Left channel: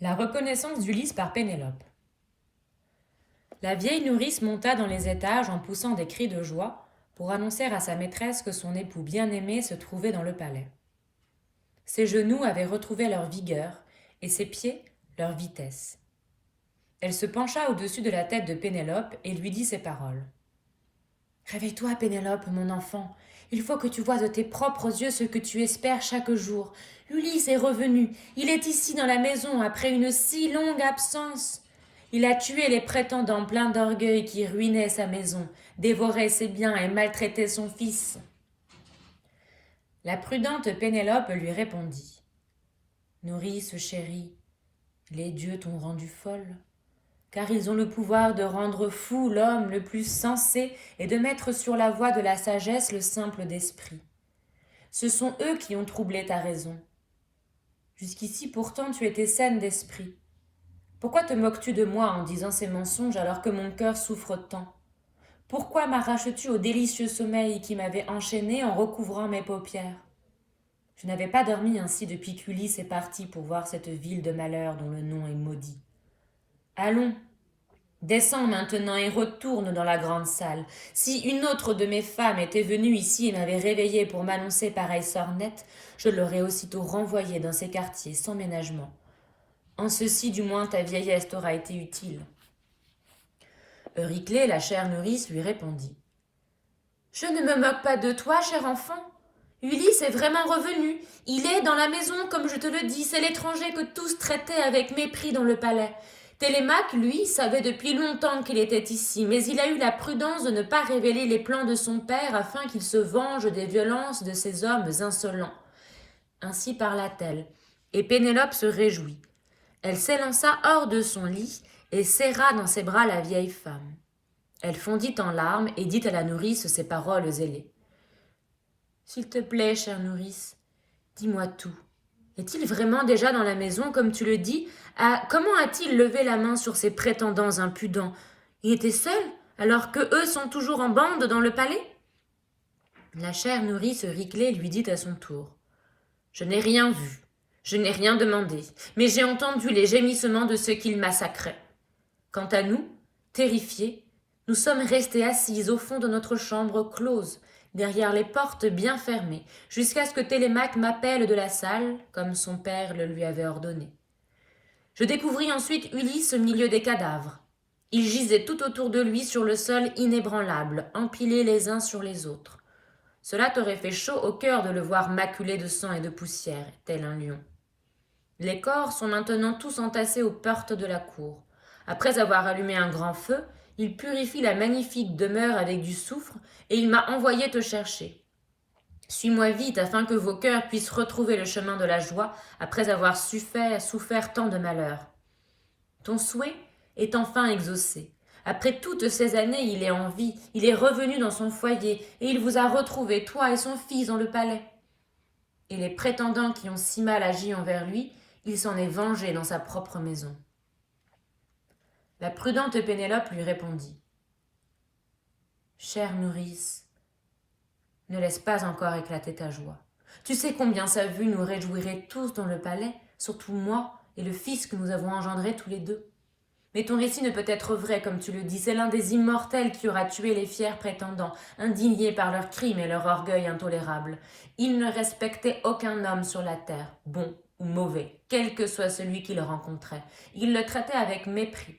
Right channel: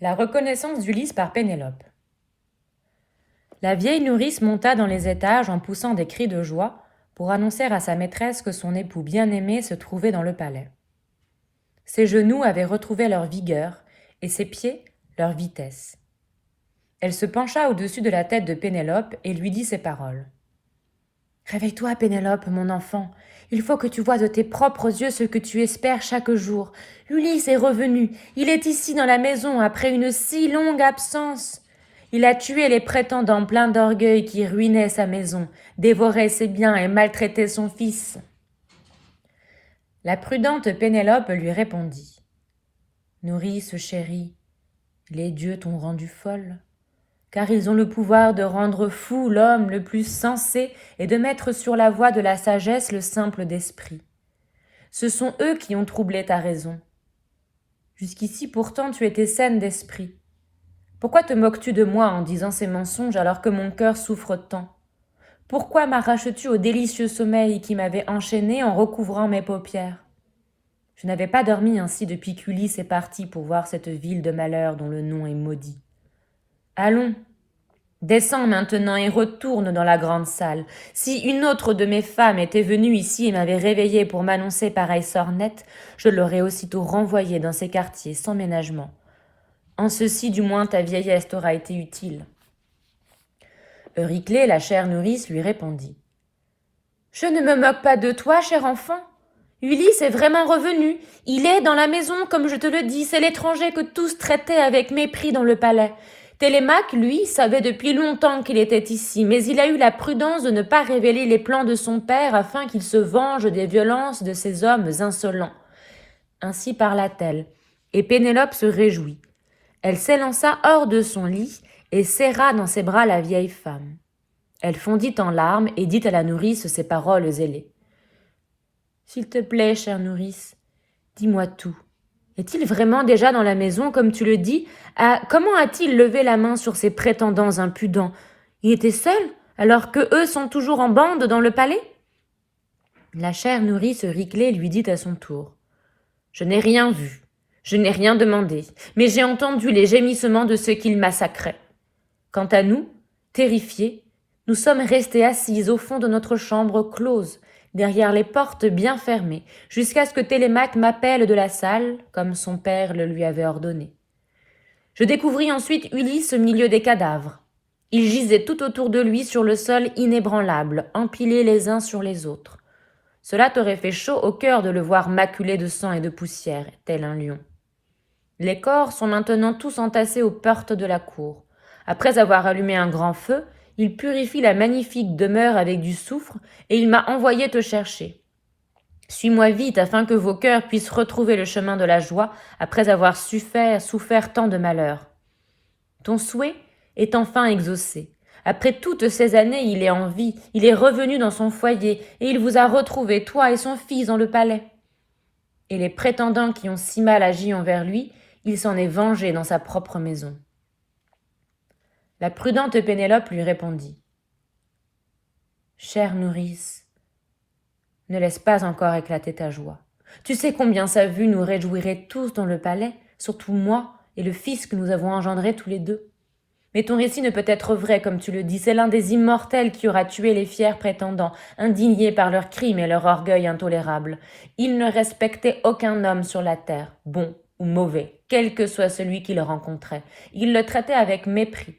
La reconnaissance d'Ulysse par Pénélope. La vieille nourrice monta dans les étages en poussant des cris de joie pour annoncer à sa maîtresse que son époux bien-aimé se trouvait dans le palais. Ses genoux avaient retrouvé leur vigueur et ses pieds leur vitesse. Elle se pencha au-dessus de la tête de Pénélope et lui dit ces paroles. « Réveille-toi, Pénélope, mon enfant. Il faut que tu vois de tes propres yeux ce que tu espères chaque jour. Ulysse est revenu. Il est ici dans la maison après une si longue absence. Il a tué les prétendants pleins d'orgueil qui ruinaient sa maison, dévoraient ses biens et maltraitaient son fils. » La prudente Pénélope lui répondit. « Nourrice chérie, les dieux t'ont rendue folle, car ils ont le pouvoir de rendre fou l'homme le plus sensé et de mettre sur la voie de la sagesse le simple d'esprit. Ce sont eux qui ont troublé ta raison. Jusqu'ici pourtant tu étais saine d'esprit. Pourquoi te moques-tu de moi en disant ces mensonges alors que mon cœur souffre tant? Pourquoi m'arraches-tu au délicieux sommeil qui m'avait enchaîné en recouvrant mes paupières? Je n'avais pas dormi ainsi depuis qu'Ulysse est parti pour voir cette ville de malheur dont le nom est maudit. Allons, descends maintenant et retourne dans la grande salle. Si une autre de mes femmes était venue ici et m'avait réveillée pour m'annoncer pareille sornette, je l'aurais aussitôt renvoyée dans ces quartiers sans ménagement. En ceci, du moins, ta vieillesse t'aura été utile. » Euryclée, la chère nourrice, lui répondit. « Je ne me moque pas de toi, cher enfant. Ulysse est vraiment revenu. Il est dans la maison, comme je te le dis. C'est l'étranger que tous traitaient avec mépris dans le palais. Télémaque, lui, savait depuis longtemps qu'il était ici, mais il a eu la prudence de ne pas révéler les plans de son père afin qu'il se venge des violences de ces hommes insolents. » Ainsi parla-t-elle, et Pénélope se réjouit. Elle s'élança hors de son lit et serra dans ses bras la vieille femme. Elle fondit en larmes et dit à la nourrice ces paroles ailées. « S'il te plaît, chère nourrice, dis-moi tout. Est-il vraiment déjà dans la maison, comme tu le dis? Comment a-t-il levé la main sur ses prétendants impudents? Il était seul, alors que eux sont toujours en bande dans le palais ?» La chère nourrice Euryclée lui dit à son tour. « Je n'ai rien vu, je n'ai rien demandé, mais j'ai entendu les gémissements de ceux qu'il massacrait. Quant à nous, terrifiés, nous sommes restés assises au fond de notre chambre close, derrière les portes bien fermées, jusqu'à ce que Télémaque m'appelle de la salle, comme son père le lui avait ordonné. Je découvris ensuite Ulysse au milieu des cadavres. Ils gisaient tout autour de lui sur le sol inébranlable, empilés les uns sur les autres. Cela t'aurait fait chaud au cœur de le voir maculé de sang et de poussière, tel un lion. Les corps sont maintenant tous entassés aux portes de la cour. Après avoir allumé un grand feu, il purifie la magnifique demeure avec du soufre et il m'a envoyé te chercher. Suis-moi vite afin que vos cœurs puissent retrouver le chemin de la joie après avoir souffert tant de malheurs. Ton souhait est enfin exaucé. Après toutes ces années, il est en vie, il est revenu dans son foyer et il vous a retrouvé, toi et son fils, dans le palais. Et les prétendants qui ont si mal agi envers lui, il s'en est vengé dans sa propre maison. » La prudente Pénélope lui répondit. « Chère nourrice, ne laisse pas encore éclater ta joie. Tu sais combien sa vue nous réjouirait tous dans le palais, surtout moi et le fils que nous avons engendré tous les deux. Mais ton récit ne peut être vrai, comme tu le dis. C'est l'un des immortels qui aura tué les fiers prétendants, indignés par leurs crimes et leur orgueil intolérable. Ils ne respectaient aucun homme sur la terre, bon ou mauvais, quel que soit celui qu'ils rencontraient. Ils le traitaient avec mépris.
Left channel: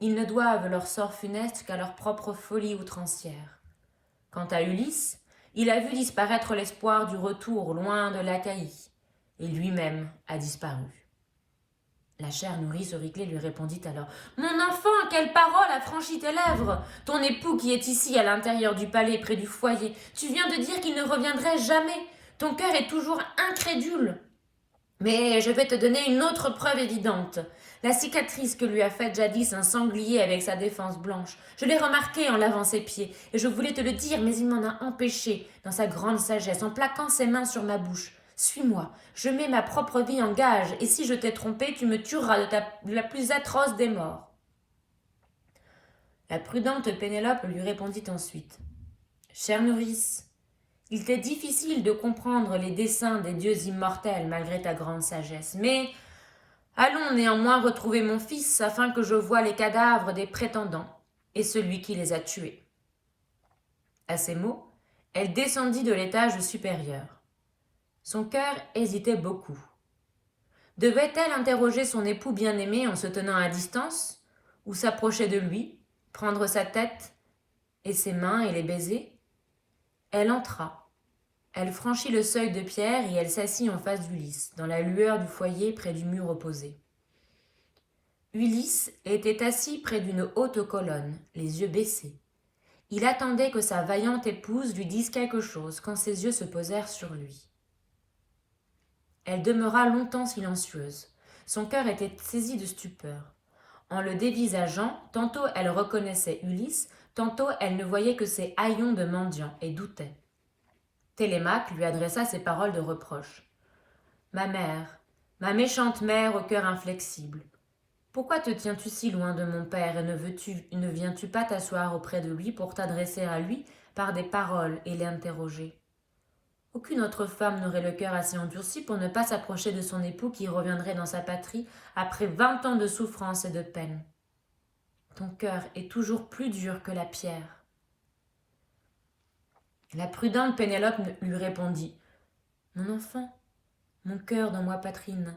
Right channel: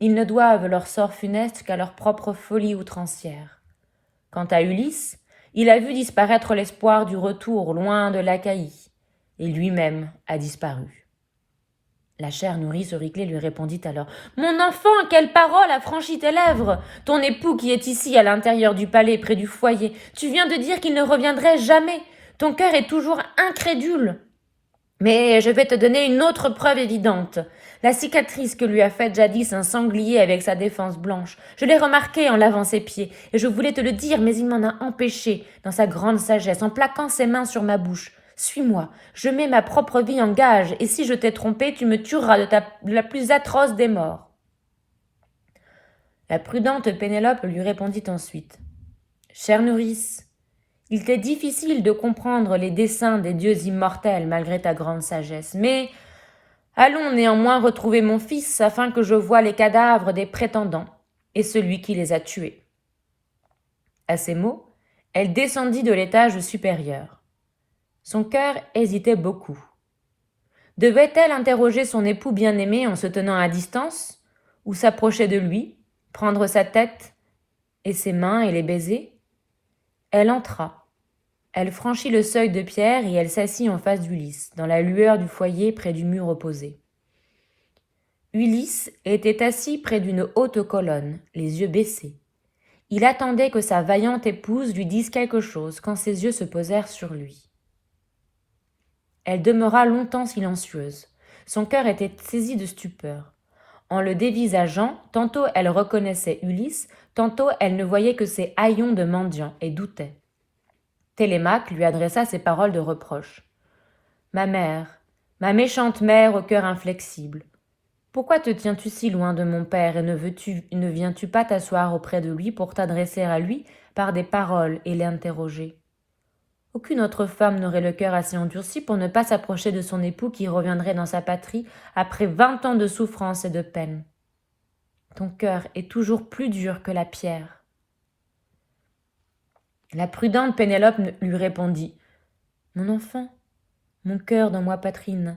Ils ne doivent leur sort funeste qu'à leur propre folie outrancière. Quant à Ulysse, il a vu disparaître l'espoir du retour loin de l'Achaïe, et lui-même a disparu. » La chère nourrice Euryclée lui répondit alors. « Mon enfant, quelle parole a franchi tes lèvres? Ton époux qui est ici à l'intérieur du palais près du foyer, tu viens de dire qu'il ne reviendrait jamais. Ton cœur est toujours incrédule. Mais je vais te donner une autre preuve évidente. La cicatrice que lui a faite jadis un sanglier avec sa défense blanche. Je l'ai remarquée en lavant ses pieds, et je voulais te le dire, mais il m'en a empêché, dans sa grande sagesse, en plaquant ses mains sur ma bouche. Suis-moi, je mets ma propre vie en gage, et si je t'ai trompé, tu me tueras de la plus atroce des morts. » La prudente Pénélope lui répondit ensuite. « Chère nourrice, il t'est difficile de comprendre les desseins des dieux immortels malgré ta grande sagesse, mais Allons néanmoins retrouver mon fils afin que je voie les cadavres des prétendants et celui qui les a tués. » À ces mots, elle descendit de l'étage supérieur. Son cœur hésitait beaucoup. Devait-elle interroger son époux bien-aimé en se tenant à distance, ou s'approcher de lui, prendre sa tête et ses mains et les baiser? Elle entra. Elle franchit le seuil de pierre et elle s'assit en face d'Ulysse, dans la lueur du foyer près du mur opposé. Ulysse était assis près d'une haute colonne, les yeux baissés. Il attendait que sa vaillante épouse lui dise quelque chose quand ses yeux se posèrent sur lui. Elle demeura longtemps silencieuse. Son cœur était saisi de stupeur. En le dévisageant, tantôt elle reconnaissait Ulysse, tantôt elle ne voyait que ses haillons de mendiant et doutait. Télémaque lui adressa ces paroles de reproche. « Ma mère, ma méchante mère au cœur inflexible, pourquoi te tiens-tu si loin de mon père et ne viens-tu pas t'asseoir auprès de lui pour t'adresser à lui par des paroles et l'interroger ? Aucune autre femme n'aurait le cœur assez endurci pour ne pas s'approcher de son époux qui reviendrait dans sa patrie après 20 ans de souffrance et de peine. Ton cœur est toujours plus dur que la pierre. » La prudente Pénélope lui répondit. « Mon enfant, mon cœur dans ma poitrine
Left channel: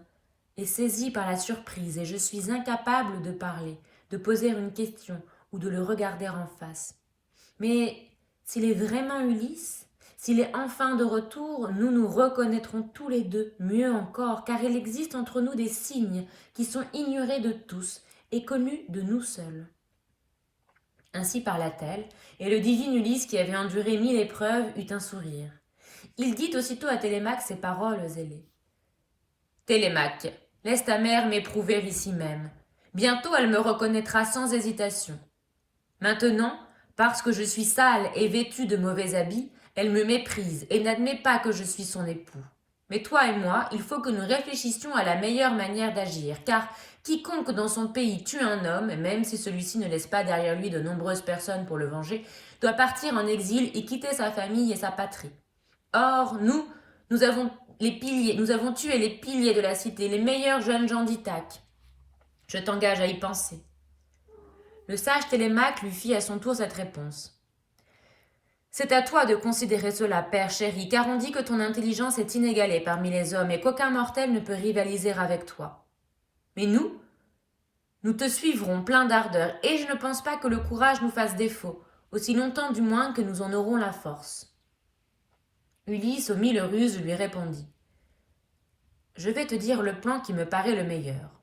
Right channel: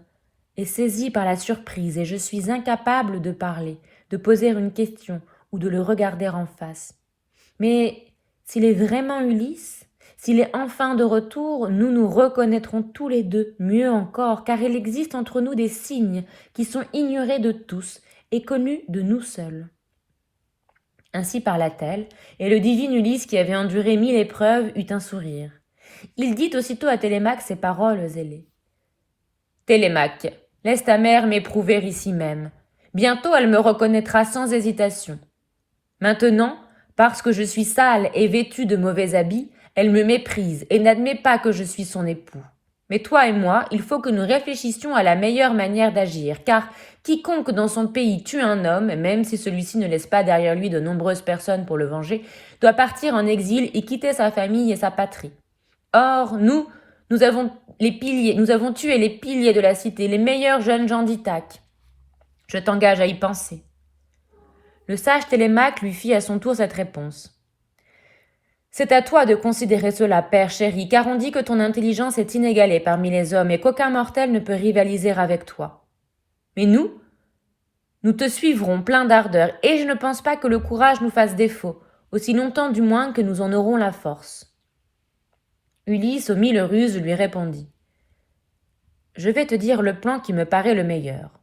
est saisi par la surprise et je suis incapable de parler, de poser une question ou de le regarder en face. Mais s'il est vraiment Ulysse, s'il est enfin de retour, nous nous reconnaîtrons tous les deux, mieux encore, car il existe entre nous des signes qui sont ignorés de tous et connus de nous seuls. » Ainsi parla-t-elle, et le divin Ulysse, qui avait enduré 1000 épreuves, eut un sourire. Il dit aussitôt à Télémaque ces paroles ailées. « Télémaque, laisse ta mère m'éprouver ici même. Bientôt elle me reconnaîtra sans hésitation. Maintenant, parce que je suis sale et vêtue de mauvais habits, elle me méprise et n'admet pas que je suis son époux. Mais toi et moi, il faut que nous réfléchissions à la meilleure manière d'agir, car quiconque dans son pays tue un homme, même si celui-ci ne laisse pas derrière lui de nombreuses personnes pour le venger, doit partir en exil et quitter sa famille et sa patrie. Or, nous avons tué les piliers de la cité, les meilleurs jeunes gens d'Ithaque. Je t'engage à y penser. » Le sage Télémaque lui fit à son tour cette réponse. « C'est à toi de considérer cela, père chéri, car on dit que ton intelligence est inégalée parmi les hommes et qu'aucun mortel ne peut rivaliser avec toi. Mais nous te suivrons plein d'ardeur, et je ne pense pas que le courage nous fasse défaut, aussi longtemps du moins que nous en aurons la force. » Ulysse, aux 1000 ruses, lui répondit. « Je vais te dire le plan qui me paraît le meilleur.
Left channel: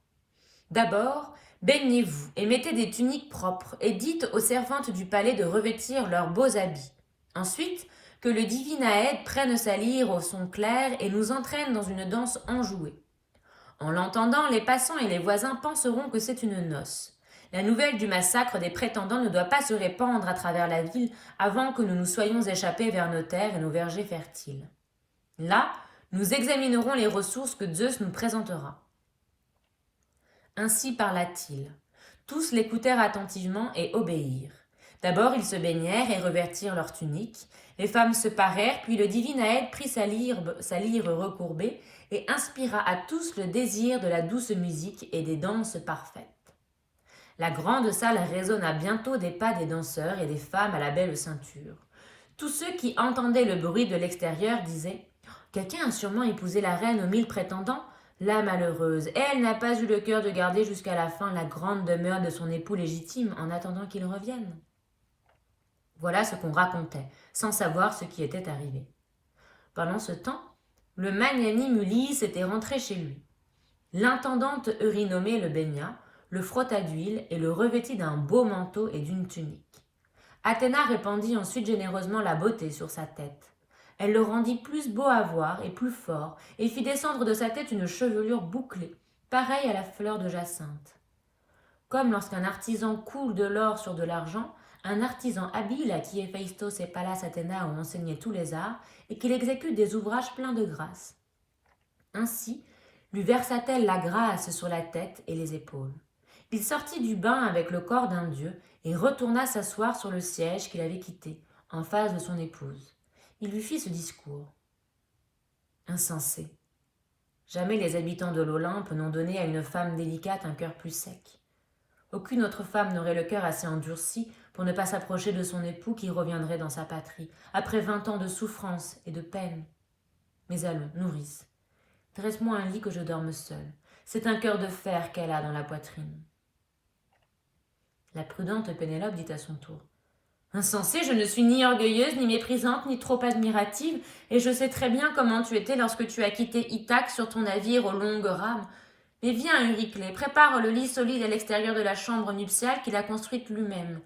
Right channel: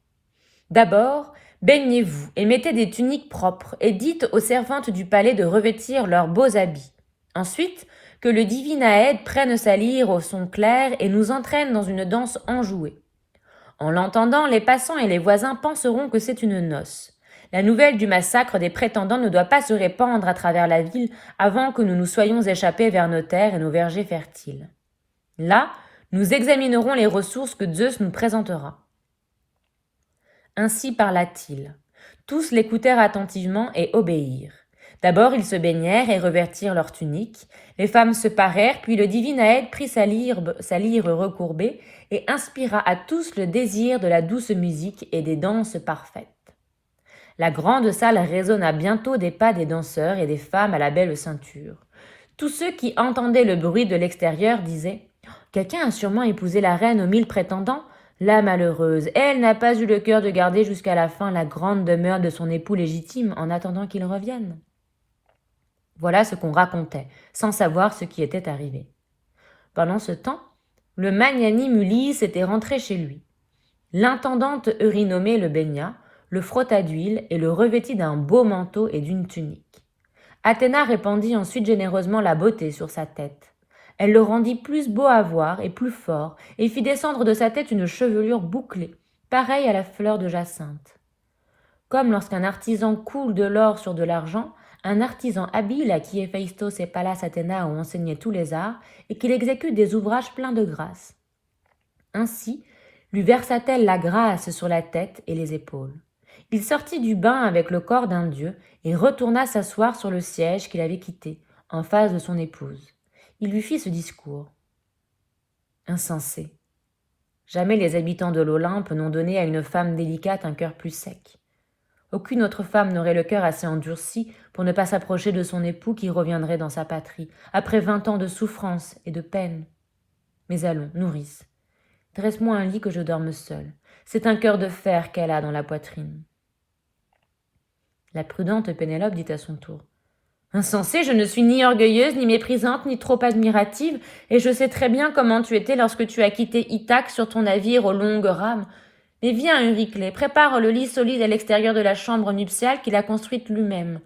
D'abord, baignez-vous et mettez des tuniques propres et dites aux servantes du palais de revêtir leurs beaux habits. Ensuite, que le divin Aède prenne sa lyre au son clair et nous entraîne dans une danse enjouée. En l'entendant, les passants et les voisins penseront que c'est une noce. La nouvelle du massacre des prétendants ne doit pas se répandre à travers la ville avant que nous nous soyons échappés vers nos terres et nos vergers fertiles. Là, nous examinerons les ressources que Zeus nous présentera. » Ainsi parla-t-il. Tous l'écoutèrent attentivement et obéirent. D'abord ils se baignèrent et revêtirent leurs tuniques. Les femmes se parèrent, puis le divin Aède prit sa lyre recourbée et inspira à tous le désir de la douce musique et des danses parfaites. La grande salle résonna bientôt des pas des danseurs et des femmes à la belle ceinture. Tous ceux qui entendaient le bruit de l'extérieur disaient « Quelqu'un a sûrement épousé la reine aux 1000 prétendants. La malheureuse, elle n'a pas eu le cœur de garder jusqu'à la fin la grande demeure de son époux légitime en attendant qu'il revienne. » Voilà ce qu'on racontait, sans savoir ce qui était arrivé. Pendant ce temps, le magnanime Ulysse était rentré chez lui. L'intendante Eurynomée le baigna, le frotta d'huile et le revêtit d'un beau manteau et d'une tunique. Athéna répandit ensuite généreusement la beauté sur sa tête. Elle le rendit plus beau à voir et plus fort, et fit descendre de sa tête une chevelure bouclée, pareille à la fleur de jacinthe. Comme lorsqu'un artisan coule de l'or sur de l'argent, un artisan habile à qui Héphaïstos et Pallas Athéna ont enseigné tous les arts, et qu'il exécute des ouvrages pleins de grâce. Ainsi, lui versa-t-elle la grâce sur la tête et les épaules. Il sortit du bain avec le corps d'un dieu et retourna s'asseoir sur le siège qu'il avait quitté, en face de son épouse. Il lui fit ce discours. « Insensé, Jamais les habitants de l'Olympe n'ont donné à une femme délicate un cœur plus sec. Aucune autre femme n'aurait le cœur assez endurci pour ne pas s'approcher de son époux qui reviendrait dans sa patrie, après 20 ans de souffrance et de peine. Mais allons, nourrice, dresse-moi un lit que je dorme seule. C'est un cœur de fer qu'elle a dans la poitrine. La prudente Pénélope dit à son tour. Insensée, je ne suis ni orgueilleuse, ni méprisante, ni trop admirative, et je sais très bien comment tu étais lorsque tu as quitté Ithaque sur ton navire aux longues rames. Mais viens, Euryclée, prépare le lit solide à l'extérieur de la chambre nuptiale qu'il a construite lui-même.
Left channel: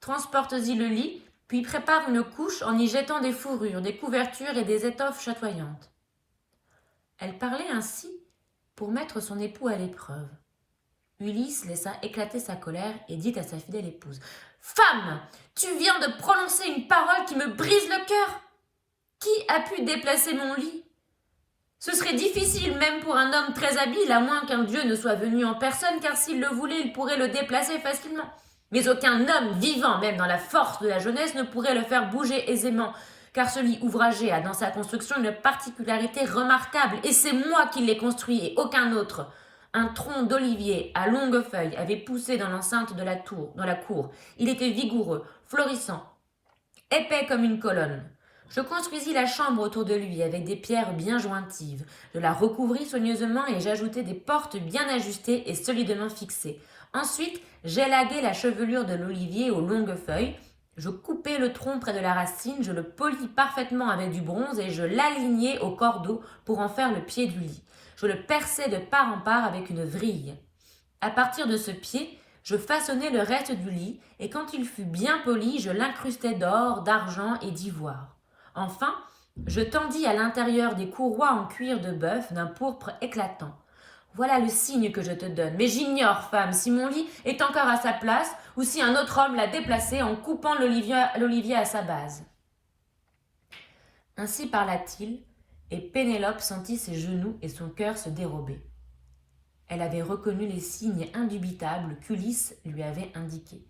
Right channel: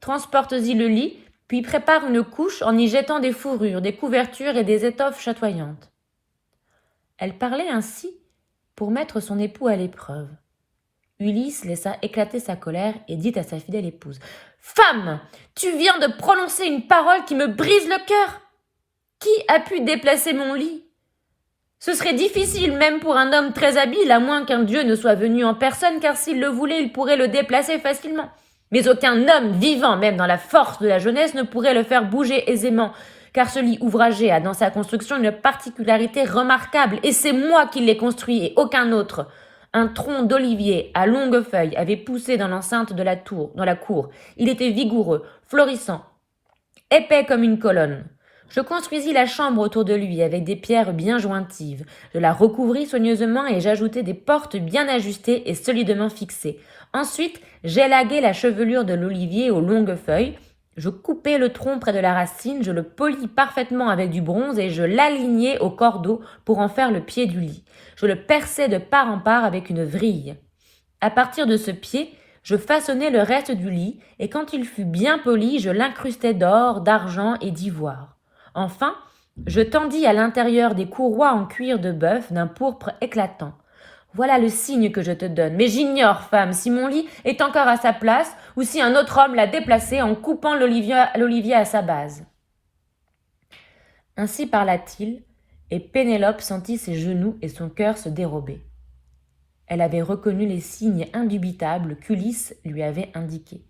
Transporte-y le lit, puis prépare une couche en y jetant des fourrures, des couvertures et des étoffes chatoyantes. Elle parlait ainsi pour mettre son époux à l'épreuve. Ulysse laissa éclater sa colère et dit à sa fidèle épouse « Femme, tu viens de prononcer une parole qui me brise le cœur. Qui a pu déplacer mon lit ? Ce serait difficile même pour un homme très habile, à moins qu'un dieu ne soit venu en personne, car s'il le voulait, il pourrait le déplacer facilement. Mais aucun homme vivant, même dans la force de la jeunesse, ne pourrait le faire bouger aisément, car ce lit ouvragé a dans sa construction une particularité remarquable, et c'est moi qui l'ai construit et aucun autre. Un tronc d'olivier à longues feuilles avait poussé dans l'enceinte de la cour. Il était vigoureux, florissant, épais comme une colonne. Je construisis la chambre autour de lui avec des pierres bien jointives. Je la recouvris soigneusement et j'ajoutai des portes bien ajustées et solidement fixées. Ensuite, j'élaguai la chevelure de l'olivier aux longues feuilles. Je coupai le tronc près de la racine, je le polis parfaitement avec du bronze et je l'alignai au cordeau pour en faire le pied du lit. Je le perçai de part en part avec une vrille. À partir de ce pied, je façonnai le reste du lit et quand il fut bien poli, je l'incrustai d'or, d'argent et d'ivoire. Enfin, je tendis à l'intérieur des courroies en cuir de bœuf d'un pourpre éclatant. Voilà le signe que je te donne. Mais j'ignore, femme, si mon lit est encore à sa place ou si un autre homme l'a déplacé en coupant l'olivier à sa base. Ainsi parla-t-il, et Pénélope sentit ses genoux et son cœur se dérober. Elle avait reconnu les signes indubitables qu'Ulysse lui avait indiqués.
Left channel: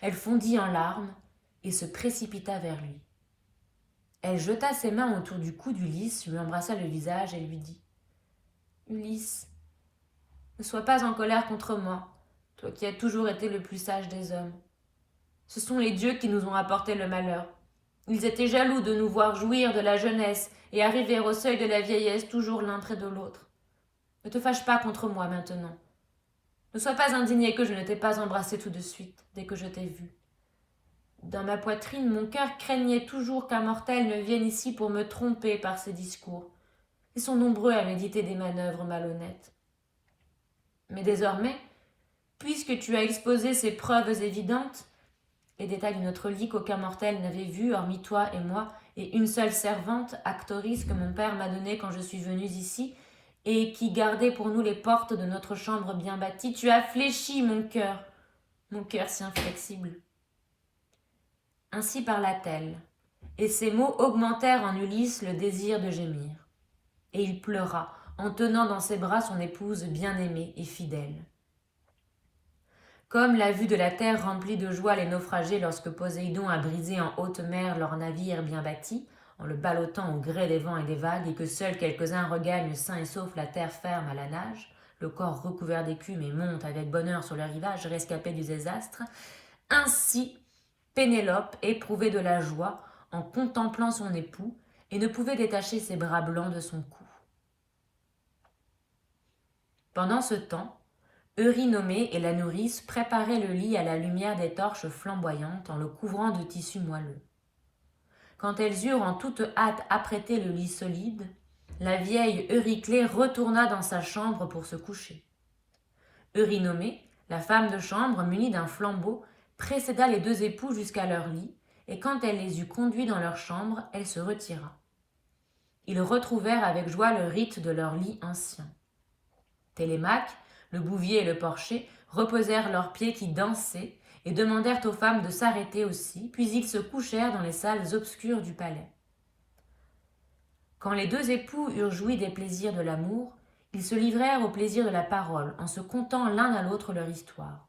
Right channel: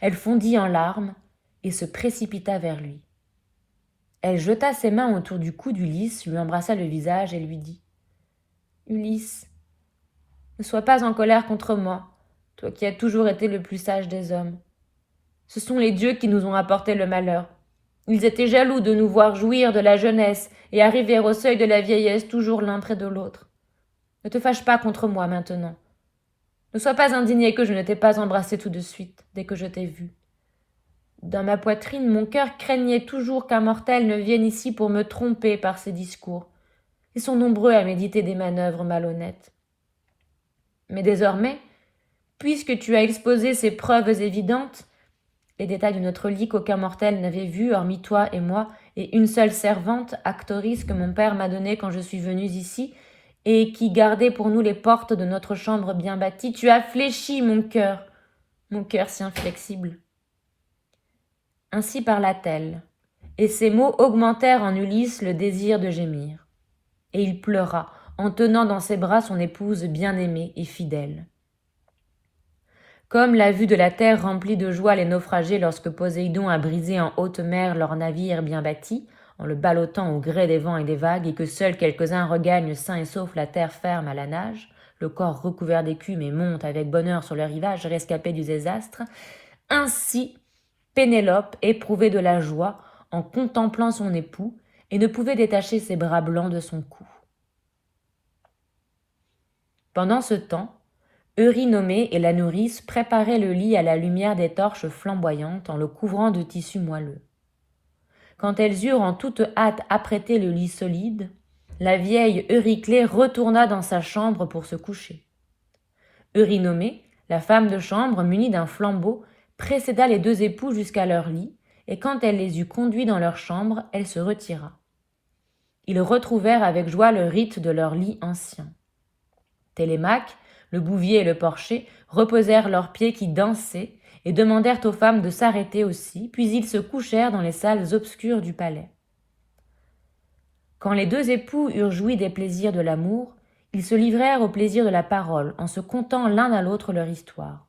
Elle fondit en larmes et se précipita vers lui. Elle jeta ses mains autour du cou d'Ulysse, lui embrassa le visage et lui dit « Ulysse, ne sois pas en colère contre moi, toi qui as toujours été le plus sage des hommes. Ce sont les dieux qui nous ont apporté le malheur. Ils étaient jaloux de nous voir jouir de la jeunesse et arriver au seuil de la vieillesse toujours l'un près de l'autre. Ne te fâche pas contre moi maintenant. Ne sois pas indigné que je ne t'ai pas embrassé tout de suite, dès que je t'ai vu. Dans ma poitrine, mon cœur craignait toujours qu'un mortel ne vienne ici pour me tromper par ses discours. Ils sont nombreux à méditer des manœuvres malhonnêtes. Mais désormais, puisque tu as exposé ces preuves évidentes, les détails de notre lit qu'aucun mortel n'avait vus, hormis toi et moi, et une seule servante, Actoris, que mon père m'a donnée quand je suis venue ici, et qui gardait pour nous les portes de notre chambre bien bâtie, tu as fléchi mon cœur si inflexible. Ainsi parla-t-elle, et ces mots augmentèrent en Ulysse le désir de gémir. Et il pleura, en tenant dans ses bras son épouse bien-aimée et fidèle. Comme la vue de la terre remplit de joie les naufragés lorsque Poséidon a brisé en haute mer leur navire bien bâti, en le ballottant au gré des vents et des vagues, et que seuls quelques-uns regagnent sains et saufs la terre ferme à la nage, le corps recouvert d'écume et montent avec bonheur sur le rivage rescapé du désastre, ainsi Pénélope éprouvait de la joie en contemplant son époux et ne pouvait détacher ses bras blancs de son cou. Pendant ce temps, Eurynomée et la nourrice préparaient le lit à la lumière des torches flamboyantes en le couvrant de tissu moelleux. Quand elles eurent en toute hâte apprêté le lit solide, la vieille Euryclée retourna dans sa chambre pour se coucher. Eurynomée, la femme de chambre munie d'un flambeau, précéda les deux époux jusqu'à leur lit, et quand elle les eut conduits dans leur chambre, elle se retira. Ils retrouvèrent avec joie le rite de leur lit ancien. Télémaque, le bouvier et le porcher reposèrent leurs pieds qui dansaient et demandèrent aux femmes de s'arrêter aussi, puis ils se couchèrent dans les salles obscures du palais. Quand les deux époux eurent joui des plaisirs de l'amour, ils se livrèrent au plaisir de la parole en se contant l'un à l'autre leur histoire.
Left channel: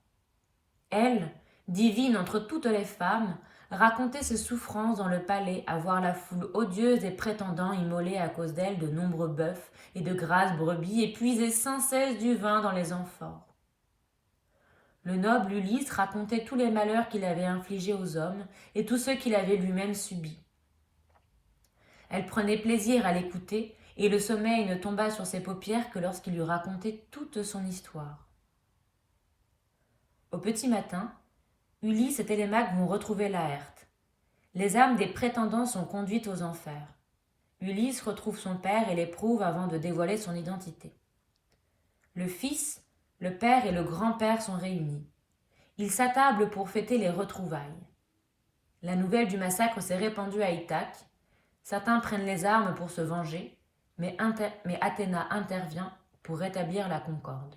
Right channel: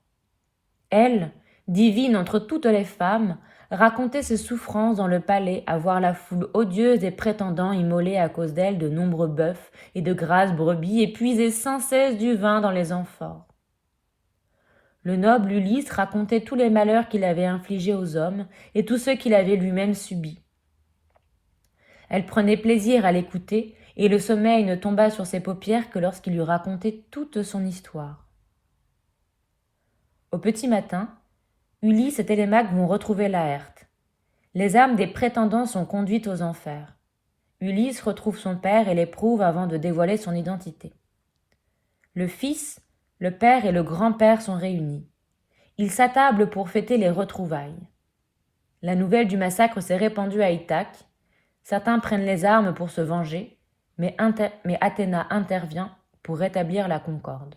Elle, divine entre toutes les femmes, racontait ses souffrances dans le palais à voir la foule odieuse des prétendants immoler à cause d'elle de nombreux bœufs et de grasses brebis et puiser sans cesse du vin dans les amphores. Le noble Ulysse racontait tous les malheurs qu'il avait infligés aux hommes et tous ceux qu'il avait lui-même subis. Elle prenait plaisir à l'écouter, et le sommeil ne tomba sur ses paupières que lorsqu'il lui racontait toute son histoire. Au petit matin, Ulysse et Télémaque vont retrouver Laërte. Les âmes des prétendants sont conduites aux enfers. Ulysse retrouve son père et l'éprouve avant de dévoiler son identité. Le fils, le père et le grand-père sont réunis. Ils s'attablent pour fêter les retrouvailles. La nouvelle du massacre s'est répandue à Ithaque. Certains prennent les armes pour se venger, mais Athéna intervient pour rétablir la concorde.